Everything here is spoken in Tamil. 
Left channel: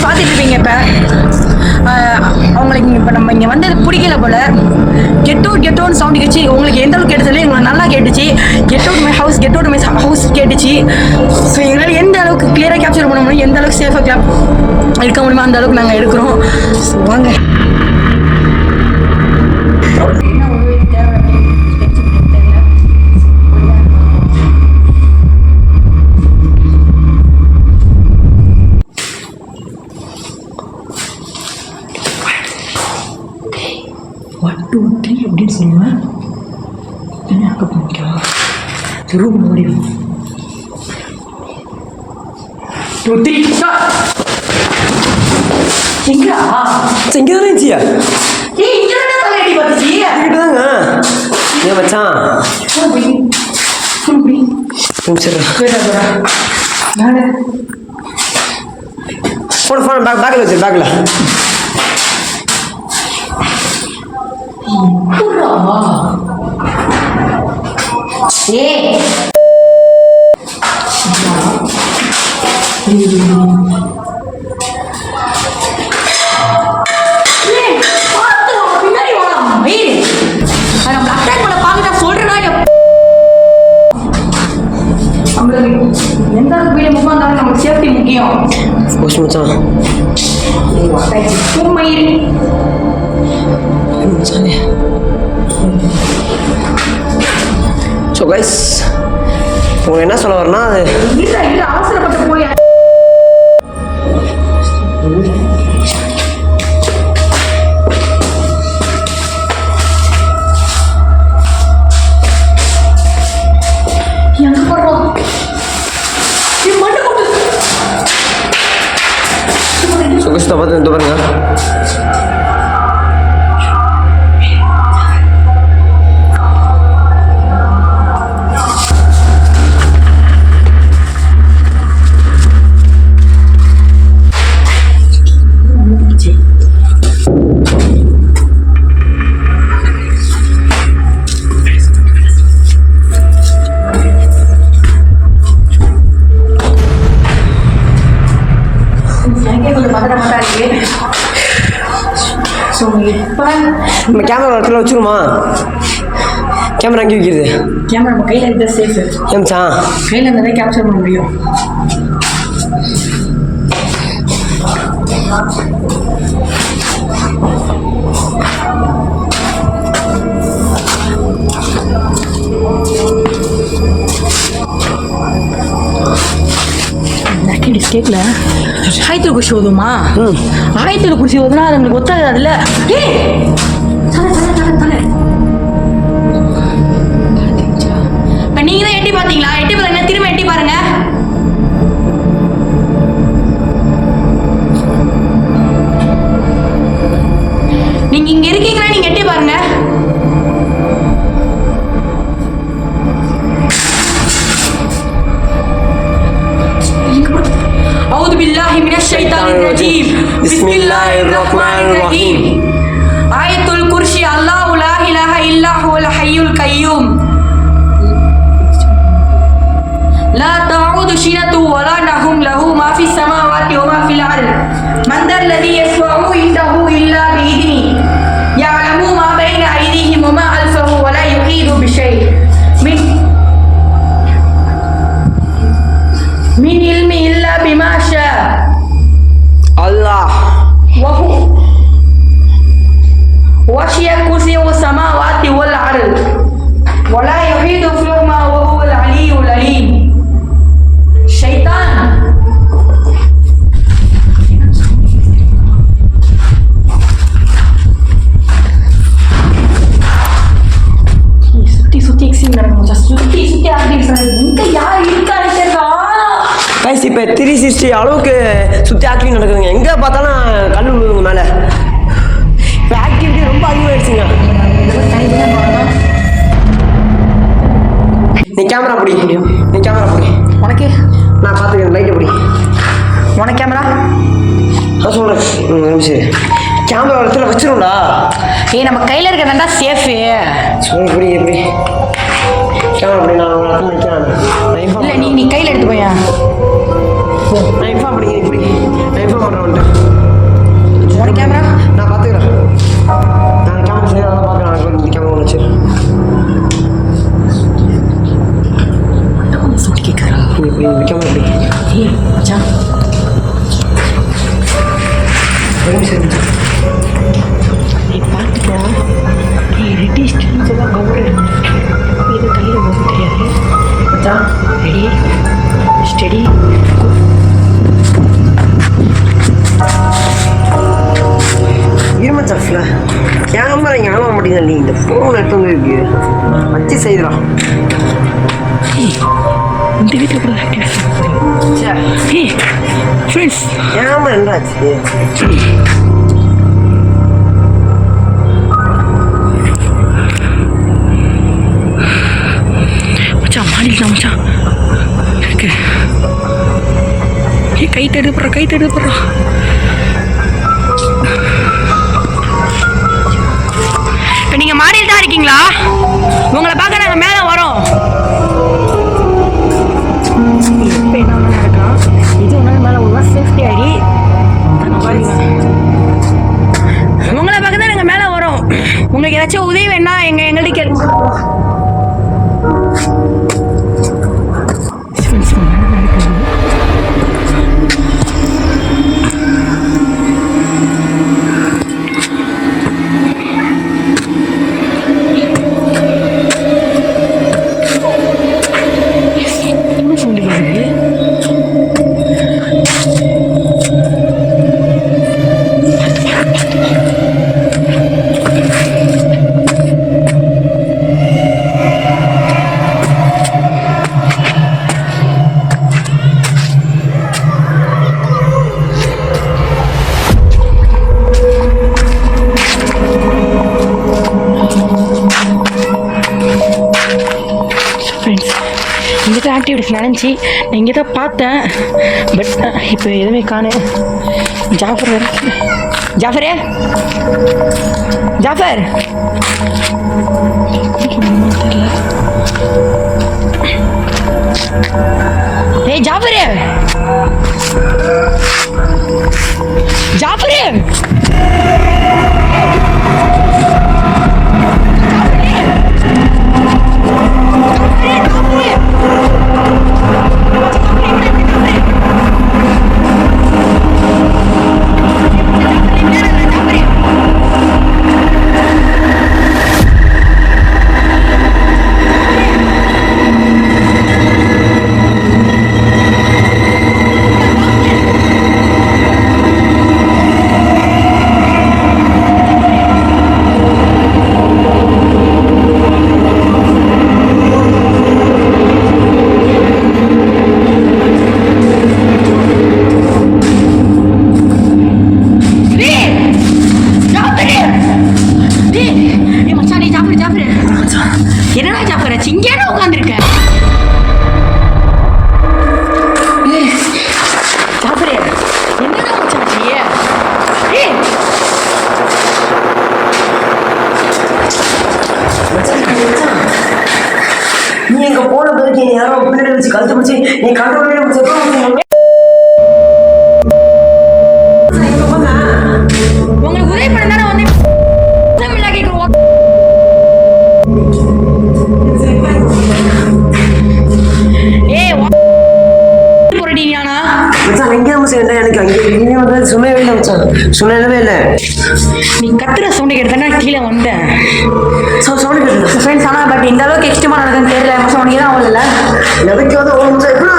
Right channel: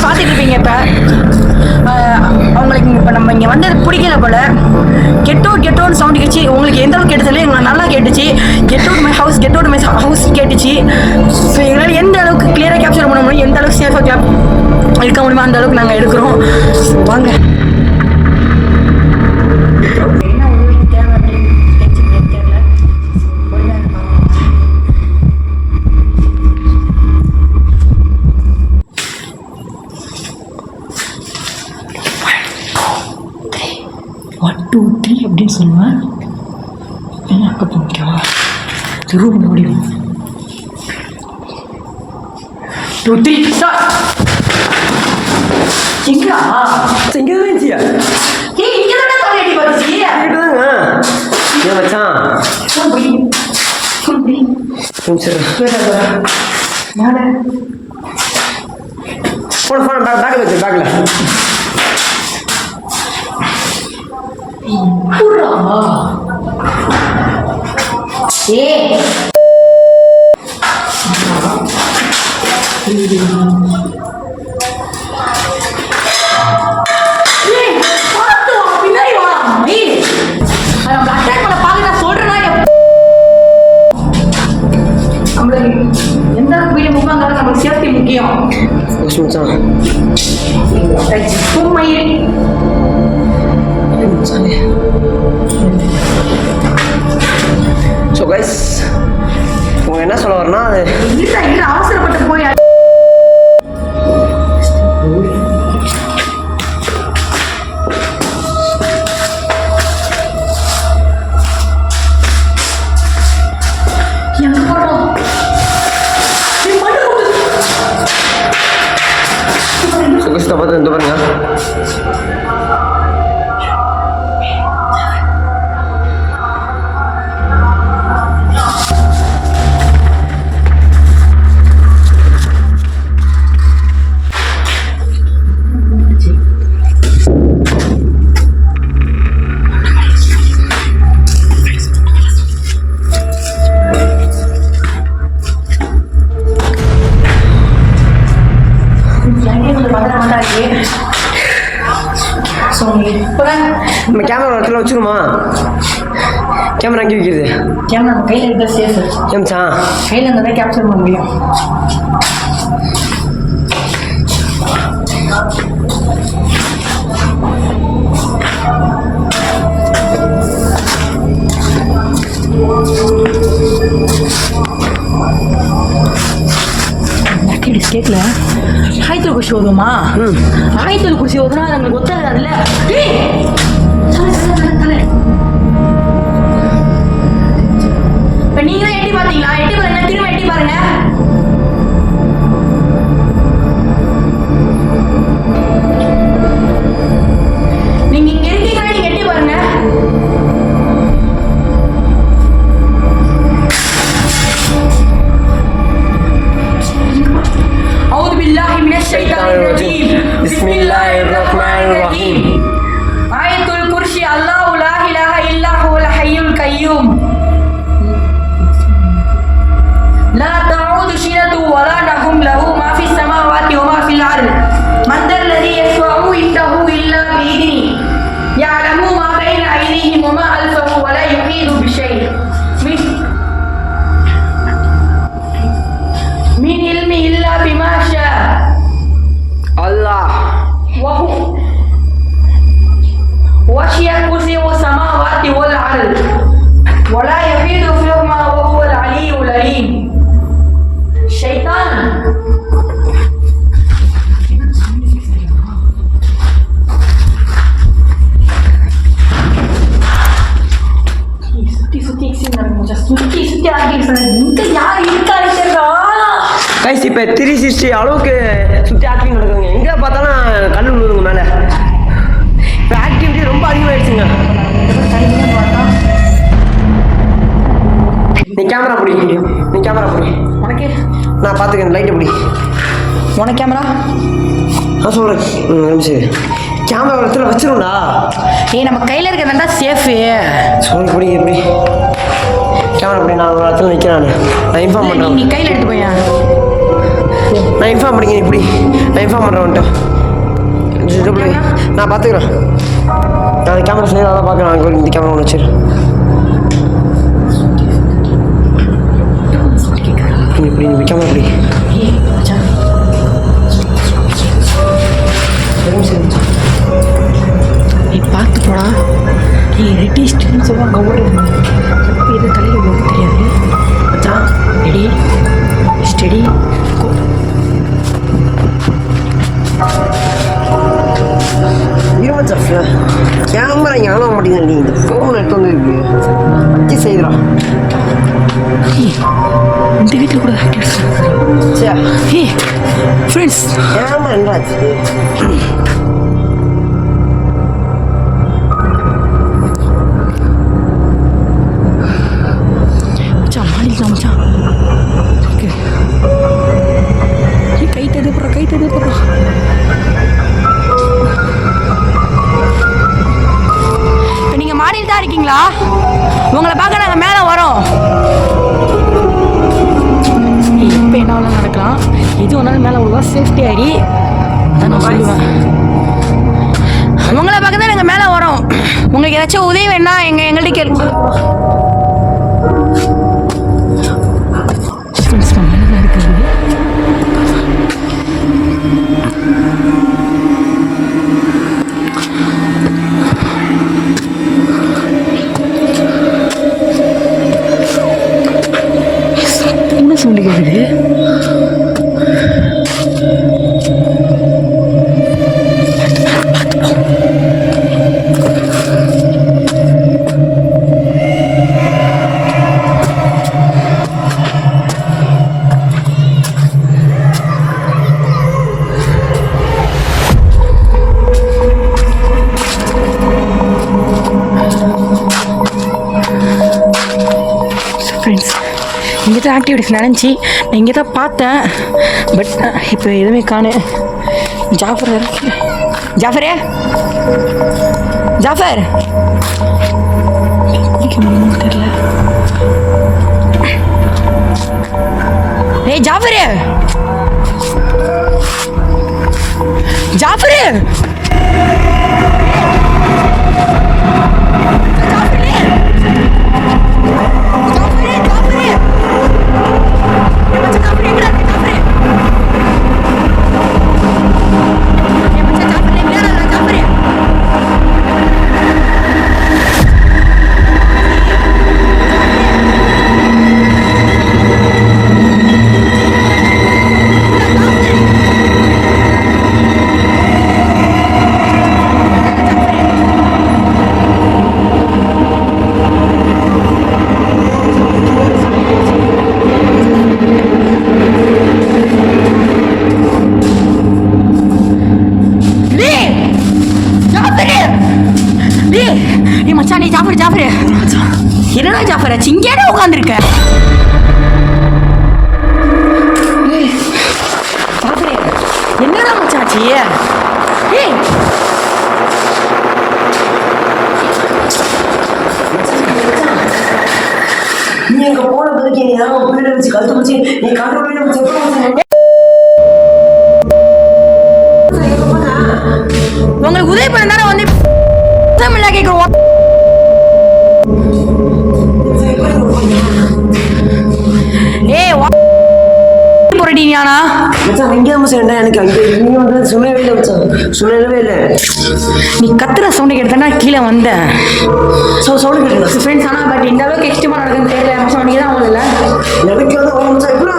கைஸ் பார்த்துட்டு இருப்பீங்க. இப்போ அவங்களுக்கு இப்போ நம்ம இங்கே வந்தது பிடிக்கல போல. கெட்டோன்னு சவுண்ட் கேட்டுச்சு. உங்களுக்கு எந்த அளவுக்கு கேட்டதில்லை, எங்களுக்கு நல்லா கேட்டுச்சு. கெட் அவுட் மை ஹவுஸ் கேட்டுச்சு. ஸோ எங்களால் எந்த அளவுக்கு கிளியராக கேப்சர் பண்ண முடியும், எந்த அளவுக்கு சேஃபாக எடுக்க முடியுமோ அந்த அளவுக்கு நாங்கள் எடுக்கிறோம். ஸோ வாங்க. அப்படின்னு சொல்லுவேன். திரும்ப முடியும். 2 3 ஸ்டார்ட். எங்கடா எங்க இருந்துச்சியா? ஏய் இங்க தான பண்ணி பாத்துச்சி. இங்கதாங்க. ஏன் மச்சான்? ஃபுல் பீ. சரி. நானே ஃபோன் பேக்ல வச்சு பேக்ல. புறா. ஏய் எந்த வீடு முக்கியம் நமக்கு சேஃப்டி முக்கியம். ஸோ கைஸ் உங்க என்ன சொல்ல வரனா, அது அவசரப்பட்டு போய் பார்த்து வந்து பாருங்க. நம்ம கேமரா இடத்துல வச்சுருமா? கேமரா அங்கே வைக்கிறது. கேமரா நம்ம கையில் எடுத்தால் சேஃபு. ஏம்ச்சா கையில் இருந்தால் தான் கேப்சர் பண்ண முடியும். கேட்கல. ஆயத்தில் குடிச்சு ஓதுமா? ஆயத்தில் குடிச்சு ஓதுனா அது நம்மளுக்கு ஒத்தாது. அதில் இப்போ நீங்கள் தான் எட்டி பார்த்தீங்களா? எட்டி பாருங்க, திரும்ப எட்டி பாருங்க. நீங்கள் இங்கே இருக்கீங்களா? நீங்கள் எட்டி பாருங்க. أعوذ بالله من الشيطان الرجيم. بسم الله الرحمن الرحيم. آية الكرسي. الله لا إله إلا هو الحي القيوم لا تعود سنة ولا نوم له ما في السماوات وما في الأرض من ذا الذي يشفع عنده إلا بإذنه يعلم ما بين أيديهم وما خلفهم ولا يحيط بشيء من علمه إلا بما شاء. الله وسع كرسيه السماوات والأرض ولا يحيط بهما وهو العلي العليم. شيطان சுத்தி இங்க யார் இருக்காரு? கைஸ் இப்போ 360 அளவுக்கு சுற்றி ஆக்டிவிட்டி நடக்குதுங்க. எங்கே பார்த்தாலும் கண்ணு விழுதுங்க மேலே. இப்போ ஆக்டிவிட்டி ரொம்ப அதிகமாகிடுச்சுங்க. நீ கேமரா பிடி. உனக்கு நான் பார்த்துக்கிறேன். லைட்டு பிடி. உனக்கு கேமரா நான் சொல்கிறேன். சரி கேமரா இடத்துல வச்சிருந்தா நம்ம கையில் இருக்கிறதா சேஃபு. சொல்லி பிடி. எப்படி கேமரா பிடி. நான் ஒரு இடத்துல நிற்கிறேன். நான் இன்ஃபார்ம் பண்ணுறேன். நீ கையில் எடுத்து போயா? நான் இன்ஃபார்ம் பண்ணிக்கிறேன். இப்படி நான் இன்ஃபார்ம் பண்ணுறேன்ட்டா. நான் பார்த்துக்கிறேன். நான் கேமரா சரி அதான் பார்க்குறேன். இந்த கேமரா ஒன்று வச்சிரு. இப்படி கேமரா இப்படி மச்சான் சரி நீ பார்த்து போடா. நீ ரெட்டிஸ்ட்னு சொல்லுவாங்க ஓடு. எப்போ எது கலையில் போக தெரியாது. மச்சான் ரெடி ஸ்டெடி இருமச்சா கேமரா இங்கே ஆன மாட்டேங்குது. நீ இந்த ஃபோன் எடுத்து வந்து இருக்கு வச்சு செய்துடா. இந்த வீட்டில் கூட ஆக்டிவிட்டிஸ் ஏ ஃப்ரெண்ட்ஸ் கேமரா என்ன ஆச்சு? மச்சான் மாடியில் தான் மச்சான் இருக்கு. ஏ கை தடுப்புறா. இப்போ நீங்கள் மாடியில் தான் இருக்கீங்களா? உங்களை பார்க்க நாங்கள் மேலே வரோம். எப்போ என்ன வேணாலும் நடக்கலாம். இது ஒன்றாலும் மேலே விடுவா சேஃப்டி ஆகி அதான் நான் சொல்லுவேன். உங்களை பார்க்க தான் நாங்கள் மேலே வரோம். உங்களுக்கு ஏதாச்சும் உதவி வேணா எங்கள்கிட்ட கேட்டு இருக்குது. என்ன சொல்லிக்கிறது? ஃப்ரெண்ட்ஸ் இங்கே தான் ஆக்டிவிட்டிஸ் நினச்சி நான் இங்கே தான் பார்த்தேன். பட் இப்போ எதுவுமே காணேன். ஜாஃபர் வேற ஜாஃபரே ஜாஃபர் குடிக்க முடியுமா தெரியல. ஏய் ஜாஃபரே ஜாஃபரே என்னடா ஜாஃபர் இங்கேயே உட்காந்துருக்க? ஜாஃபரே என்னடா மச்சாச்சி? ஏய் நீ எங்க போன பிறகு யாரோ பிள்ளை வச்சு கழுத்து பிடிச்சி நீ கண்ட்ரோல் உங்களுக்கு உதவி பண்ணா வந்து கேட்க எனக்கு அங்கே வந்து சொல்லவே இல்லை மச்சான். சொல்லவே இல்லை. நீ கத்துற சவுண்டை கேட்டா கீழே வந்தேன். சவுண்ட் கேட்டு ஃப்ரெண்ட்ஸ் ஆனால் பட் இந்த அளவுக்கு எக்ஸ்ட்ரீமாக நடக்குன்னு தெரியல. சவுண்டிಗೆ தான் அவ்வளோ இல்லை. எனக்கு வந்து எப்படி